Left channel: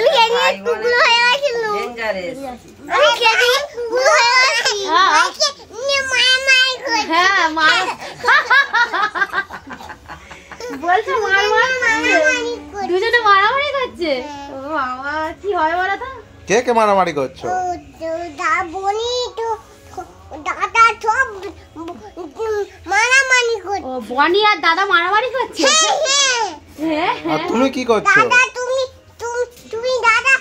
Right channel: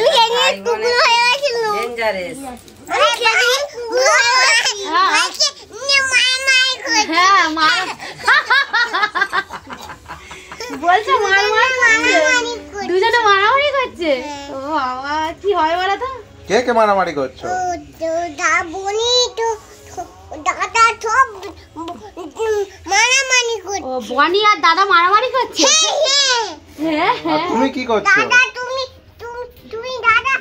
আমি কেনে টুকরো হয়ে গেছিল ডেঞ্জারাস আমি কেনে হ্যাঁ মার বলছে মারামারি দুজনে মারামারি করছে ও বাবা কি হয় বলো তো কে কে মারামারি করছো দা বনি তো দাদা সব মারামারি করছে ও বনি আর দাদা মারামারি করছে হ্যাঁ আর তুমি কি করছো দাদা তুমি দাদা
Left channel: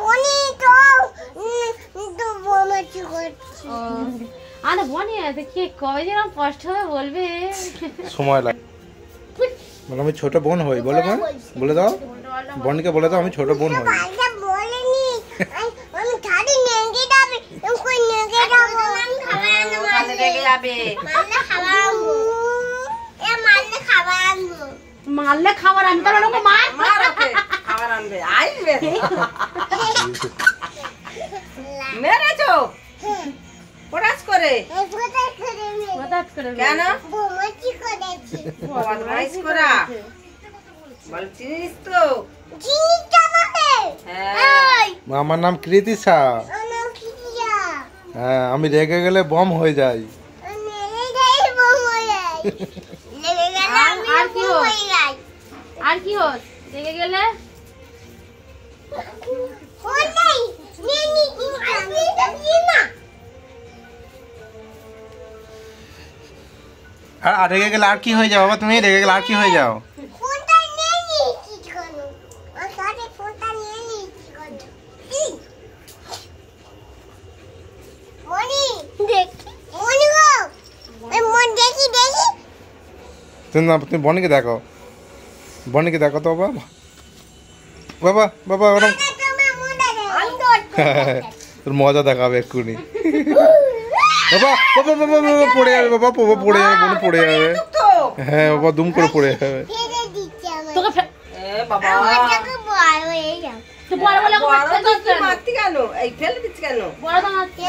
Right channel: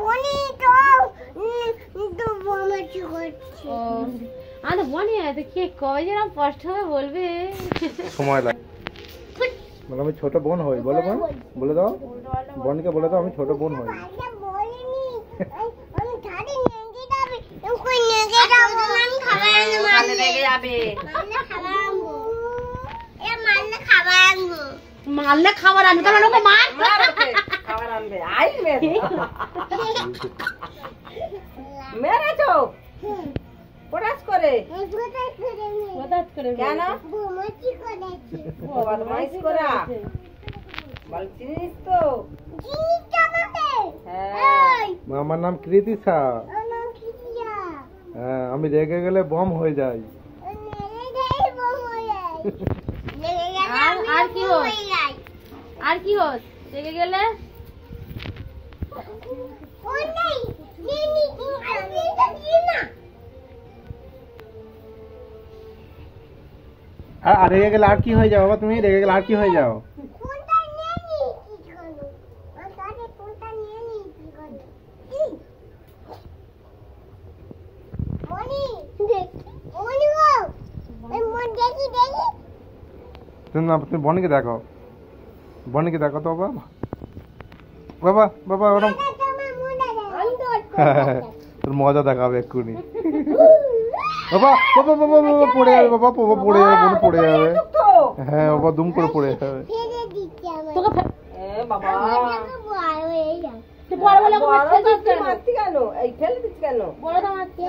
বনি তো মারামারি করছে ও আরে বনি এত কি কবে যেন কষ্ট হবে বলবে সময় লাগে বলো আমি ছোট বোন হই বলো বোন বলে দাও বোনকে বলে দাও আমি ছোট বোন হই বলেনি আমি ছাড়ি নেগে যাবে কই নেগে যাবো আমি খাবার নেগে যাবে মারলে খাবার আনবো এ মারলে খাবার আনবো মারলে খাবার আনবো তাহলে ওকে মার ওকে খাবার আনবে আইবে মেরেছো পড়াস করে কেন বদমাইশি করেছি বদমাইশি করা বলছিস তো জিনিসটা আমাকে হ্যাঁ আমার নাম কৃতিশা হ্যাঁ আমি রেগে গেলে বম হয়ে যাই আর কি হস রেগে গেলে আর রেগে গেলে আর কি হয়ে যাও বাবা তুমি রেগে গেলে আর কি হয়ে যাও ফোনটা নিয়ে নি কি করো আর সাথে ফোনটা নিয়ে নি কি করো মনি দেখি মনি গো এই মন দেখি তুমি বনিকে দেখো তো বাবা বাবা বাবা ওরম তোর মজা দেখাবে এক্ষুনি বাবা বাবা বাবা বাবা পড়ে যাবে বাবা বাবা পড়ে যাবে বোন পড়ে যাবে হ্যাঁ বাবা দুম করে পড়ে যাবে তোকে এ বাবা তো বড় বড় মারতে কেন এই ফেলে দিচ্ছ কেন বড় তো মারতে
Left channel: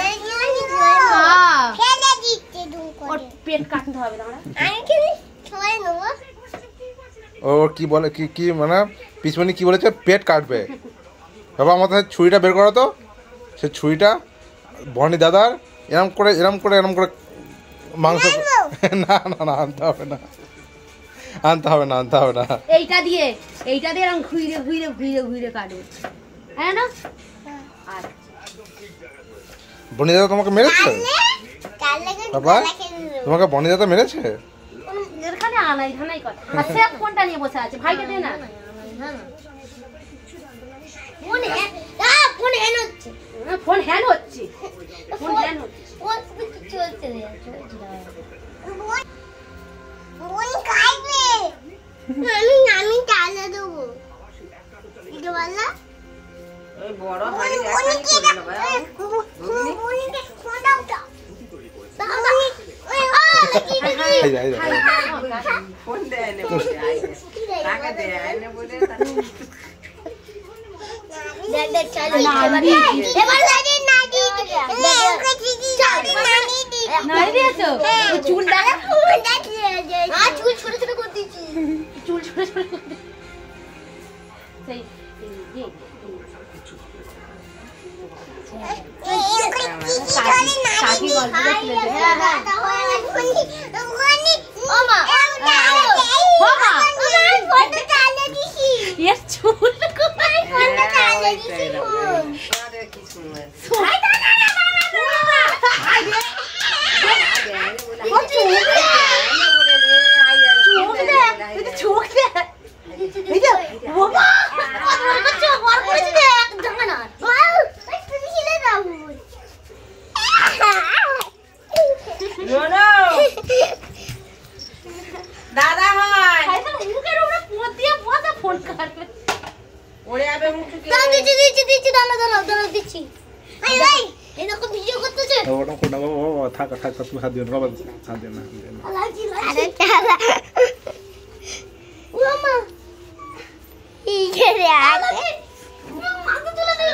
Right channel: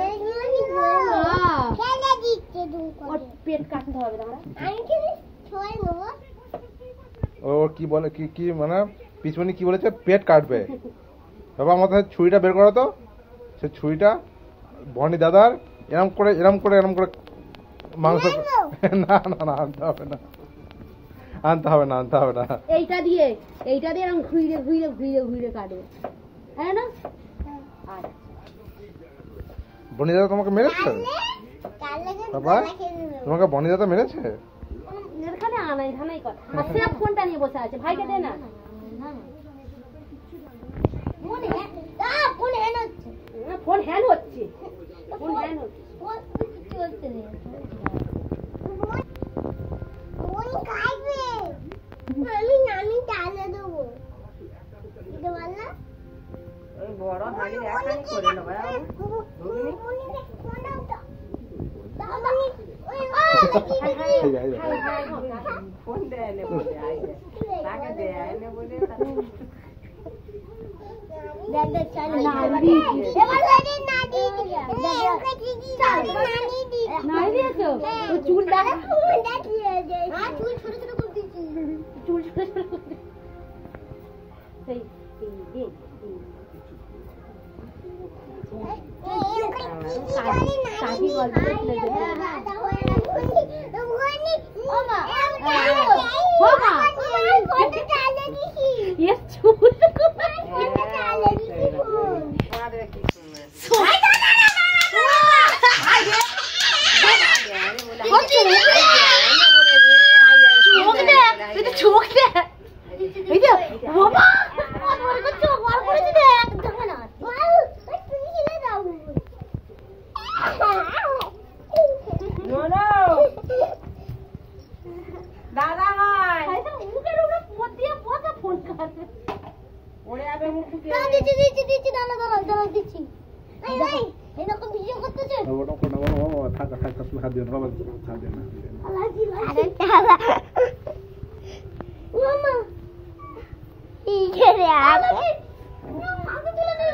ফেলে দিতে দুম করে ওর পেট কাটতে হবে তোমরা আমি কি ছয় নেব ও কি বলে কি মানে পিছনে কি বলেছে পেট কাটবে বাবা আমাদের ছুরিটা বের করো তো সে ছুরিটা বনি দাদার এরম করে মাংস না আনতে হবে না এইটা দিয়ে এরকম ঘুরে কাটবে হ্যাঁ না আচ্ছা বনি দাদা তোমাকে মেরেছে বাবা তোমাকে বনি দাদা মেরেছে এখানে আনাই ধানাই কর আর সে ফোনটা নিয়ে বসে আছে ভাইকে দে না ফোন হ্যাং হচ্ছে চলছে আমি চালা দেবো ওই বড় হাড়ি একাই করে নেব ফোন দেয় না বলে টাকা দেয় না বলে দাদা হয় মুখের উপরে পোত দিয়ে পোতা ফোন করবে ওরে আবে মুখে কি দিচ্ছি দাঁড়া দিচ্ছি ভাই এই রকম ভিডিও করতেছে ওটা কোনা বাবা থাক তুমি হাত দিও না বাবা হাত দিও না আরে চালা মামা এই যে রে আগে মাকে তুলে দে